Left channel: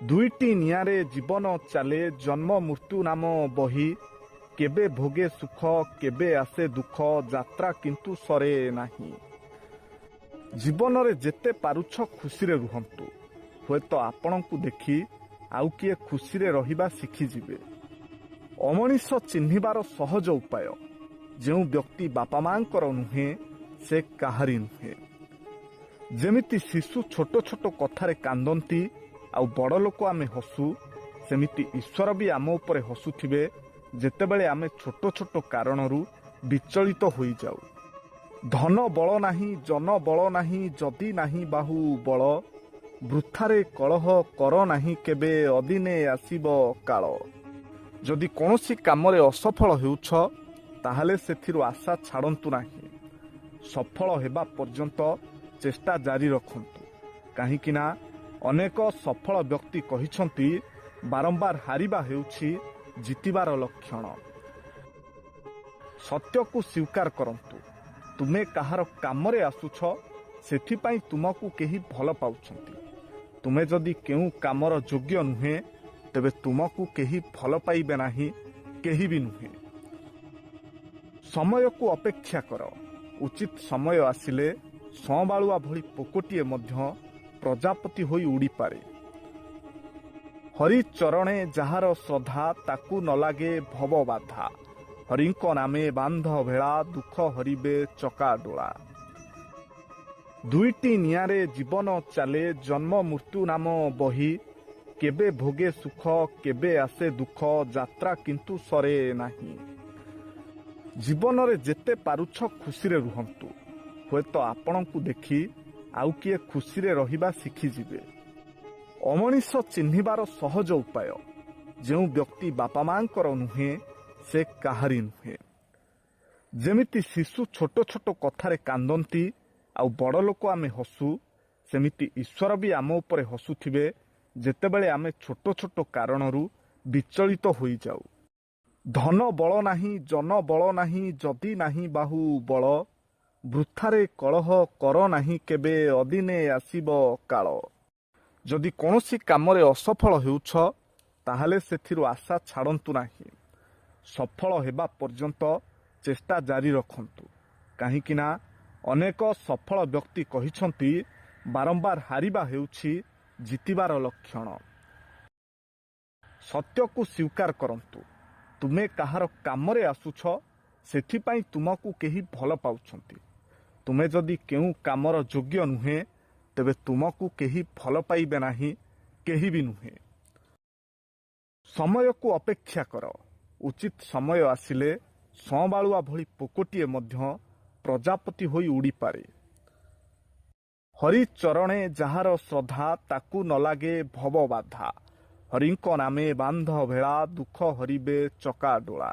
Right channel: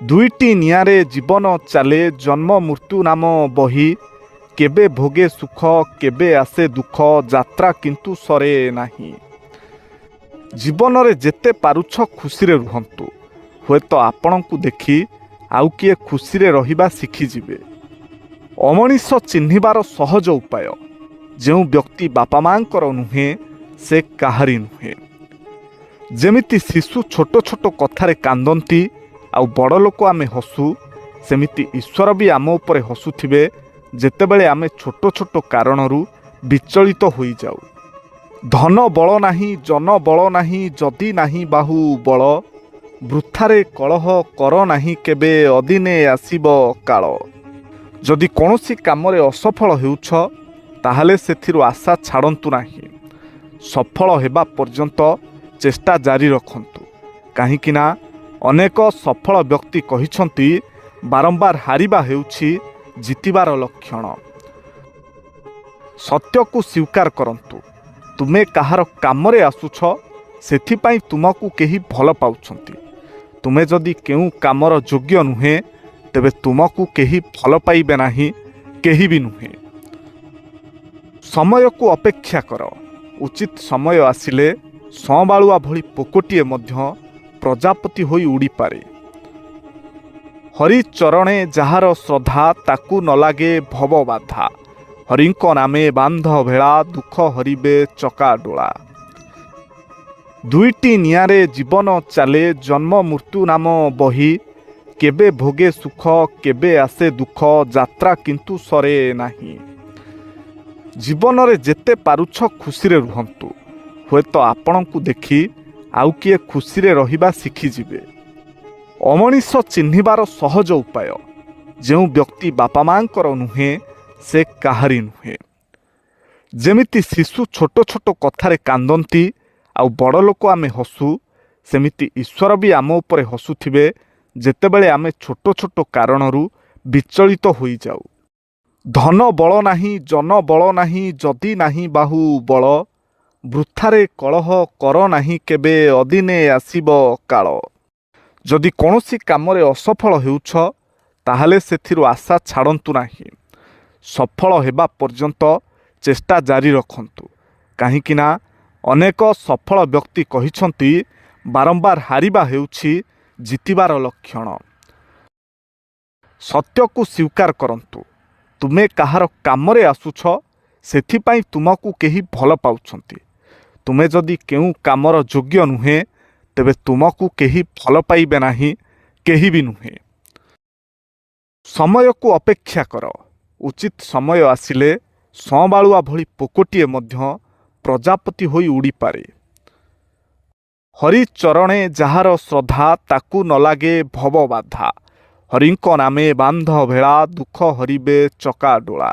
ଦୁଇଟି ନିଆଁରେ ଜୀବନ ଚାଲେ ଜନ୍ମ ମୃତ୍ୟୁ ନାମ ବହି। କେବେ ଭୋଗେ ସୁଖ କେବେ ଆସେ ଦୁଃଖ, ଯାତ୍ରା କିନ୍ତୁ ସରେ ନାହିଁ। ଜୀବନରେ ଯେତେ ପାରୁଛ ଖୁସିରେ ରୁହନ୍ତୁ। ହୁଏତ ଆପଣଙ୍କୁ ଦେଖି ଆଉ କିଏ ଖୁସିରେ ରହିବା ଶିଖିଯିବେ। ଅମଣିଷ ଚିହ୍ନିବାର ସହଜ ଉପାୟ। ଯେଉଁ ବ୍ୟକ୍ତି ବାପା ମାଙ୍କର ନୁହେଁ ସେ କାହାରି ନୁହେଁ। ଯେମିତି ଶିଶୁ ଛୋଟ ଛୋଟ କଥାରେ କାନ୍ଦନ୍ତି ଆଉ ବଡ଼ ଲୋକ ଆମେ ହସୁ, ସେମିତି ଈଶ୍ୱର ବି ଆମ ଉପରେ ହସୁଥିବେ ଯେତେବେଳେ ଆମେ ଛୋଟ ଛୋଟ କାରଣରୁ ବିଚଳିତ ହୋଇଯାଉ। ଧନ ବଳ ନାହିଁ ଜନ ବଳ ନାହିଁ, ଯଦି ନାହିଁ ବାହୁ ବଳ। ବୃଥାରେ କଳହ କର ନାହିଁ କେବେ, ଅଦିନେ ଆସିବ କାଳ। ଯଦି କୌଣସି କାମରେ ଅସଫଳ ହେଉଛ ତାହେଲେ ସେଥିରୁ ଆଶା ଛାଡ଼ନ୍ତୁ ନାହିଁ। ସଫଳ ହେବା ପର୍ଯ୍ୟନ୍ତ ଚେଷ୍ଟା ଜାରି ରଖନ୍ତୁ। କାହିଁକି ନା ଅନେକ ସଫଳ ବ୍ୟକ୍ତି କହିଛନ୍ତି ବାରମ୍ବାର ହାରିବା ହେଉଛି ଜିତିବାର ଲକ୍ଷଣ। ସତ୍ୟକୁ ସ୍ୱୀକାର କରନ୍ତୁ। ତୁମେ କାହାର କାମରେ ଆସୁଛ ସେଥିପାଇଁ ତୁମକୁ କେହି ଭଲ ପାଉଛନ୍ତି। ତୁମେ ଯଦି କେଉଁ କାମର ଯୋଗ୍ୟ ନୁହେଁ ତେବେ ତୁମକୁ କେହି ଭଲ ପାଇବେ ନାହିଁ, କେହି ବି ନୁହେଁ। ସମୟକୁ ଅପେକ୍ଷା କର। ଉଚିତ ସମୟ ଆସିଲେ ସଁବାଳୁଆ ଭଳି ପୋକଟିଏ ମଧ୍ୟ ପ୍ରଜାପତି ହୋଇ ଉଡ଼ିପାରେ। ହରିଚରଣେ ଯାହାର ଶ୍ରଦ୍ଧା, ତାକୁ ନ ଲାଗେ ଭବ ବାଧା। ହରିଙ୍କ ନାମେ ବାନ୍ଧ ଭେଳା, ଦୁଃଖ ହରିବେ ଚକା ଡୋଳା। ଦୁଇଟି ନିଆଁରେ ଜୀବନ ଚାଲେ ଜନ୍ମ ମୃତ୍ୟୁ ନାମ ବହି। କେବେ ଭୋଗେ ସୁଖ କେବେ ଆସେ ଦୁଃଖ, ଯାତ୍ରା କିନ୍ତୁ ସରେ ନାହିଁ। ଜୀବନରେ ଯେତେ ପାରୁଛ ଖୁସିରେ ରୁହନ୍ତୁ। ହୁଏତ ଆପଣଙ୍କୁ ଦେଖି ଆଉ କିଏ ଖୁସିରେ ରହିବା ଶିଖିଯିବେ। ଅମଣିଷ ଚିହ୍ନିବାର ସହଜ ଉପାୟ। ଯେଉଁ ବ୍ୟକ୍ତି ବାପା ମାଙ୍କର ନୁହେଁ ସେ କାହାରି ନୁହେଁ। ଯେମିତି ଶିଶୁ ଛୋଟ ଛୋଟ କଥାରେ କାନ୍ଦନ୍ତି ଆଉ ବଡ଼ ଲୋକ ଆମେ ହସୁ, ସେମିତି ଈଶ୍ୱର ବି ଆମ ଉପରେ ହସୁଥିବେ ଯେତେବେଳେ ଆମେ ଛୋଟ ଛୋଟ କାରଣରୁ ବିଚଳିତ ହୋଇଯାଉ। ଧନ ବଳ ନାହିଁ ଜନ ବଳ ନାହିଁ, ଯଦି ନାହିଁ ବାହୁ ବଳ। ବୃଥାରେ କଳହ କର ନାହିଁ କେବେ, ଅଦିନେ ଆସିବ କାଳ। ଯଦି କୌଣସି କାମରେ ଅସଫଳ ହେଉଛ ତାହେଲେ ସେଥିରୁ ଆଶା ଛାଡ଼ନ୍ତୁ ନାହିଁ। ସଫଳ ହେବା ପର୍ଯ୍ୟନ୍ତ ଚେଷ୍ଟା ଜାରି ରଖନ୍ତୁ। କାହିଁକି ନା ଅନେକ ସଫଳ ବ୍ୟକ୍ତି କହିଛନ୍ତି ବାରମ୍ବାର ହାରିବା ହେଉଛି ଜିତିବାର ଲକ୍ଷଣ। ସତ୍ୟକୁ ସ୍ୱୀକାର କରନ୍ତୁ। ତୁମେ କାହାର କାମରେ ଆସୁଛ ସେଥିପାଇଁ ତୁମକୁ କେହି ଭଲ ପାଉଛନ୍ତି। ତୁମେ ଯଦି କେଉଁ କାମର ଯୋଗ୍ୟ ନୁହେଁ ତେବେ ତୁମକୁ କେହି ଭଲ ପାଇବେ ନାହିଁ, କେହି ବି ନୁହେଁ। ସମୟକୁ ଅପେକ୍ଷା କର। ଉଚିତ ସମୟ ଆସିଲେ ସଁବାଳୁଆ ଭଳି ପୋକଟିଏ ମଧ୍ୟ ପ୍ରଜାପତି ହୋଇ ଉଡ଼ିପାରେ। ହରିଚରଣେ ଯାହାର ଶ୍ରଦ୍ଧା, ତାକୁ ନ ଲାଗେ ଭବ ବାଧା। ହରିଙ୍କ ନାମେ ବାନ୍ଧ ଭେଳା, ଦୁଃଖ ହରିବେ ଚକା ଡୋଳା।